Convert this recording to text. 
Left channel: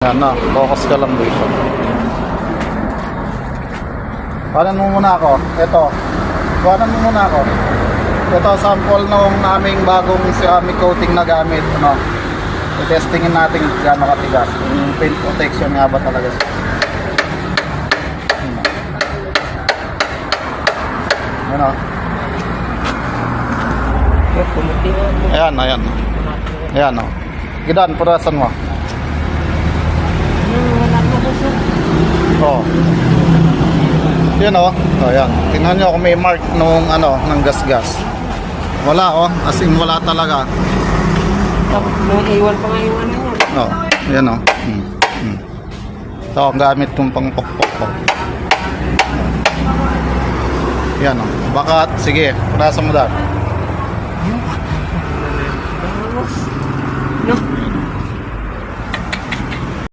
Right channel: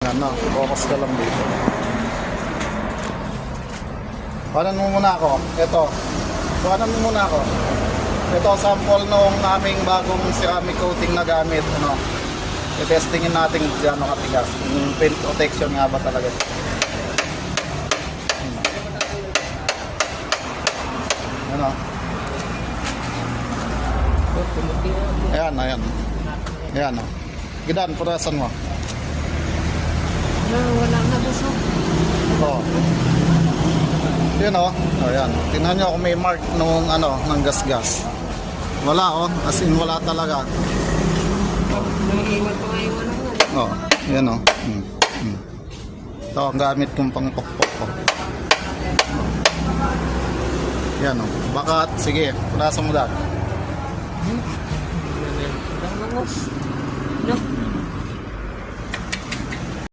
Yan na, focus ka lang dito. Kuhanan mo muna ako. Ito. Kuhanan mo muna ako. Ito, sample nung aming bagong ceramic coating na gamit. Ano? I-testingin natin gaano katigas. Yung paint protection nga ba talaga. Ano? Ayan, ayan. Ayan, o. Gidan, purasan mo. Oh. Yan o. Oh, yan. Tingnan nyo kung may mark nung ano, ng gas-gas. Wala oh. As in wala talaga. Naiwan pa nga yung ano niya. Oh, yan o. Ito ang gamit kong pang pokpok ko. Yan o. Baka, sige, purasan mo dahil.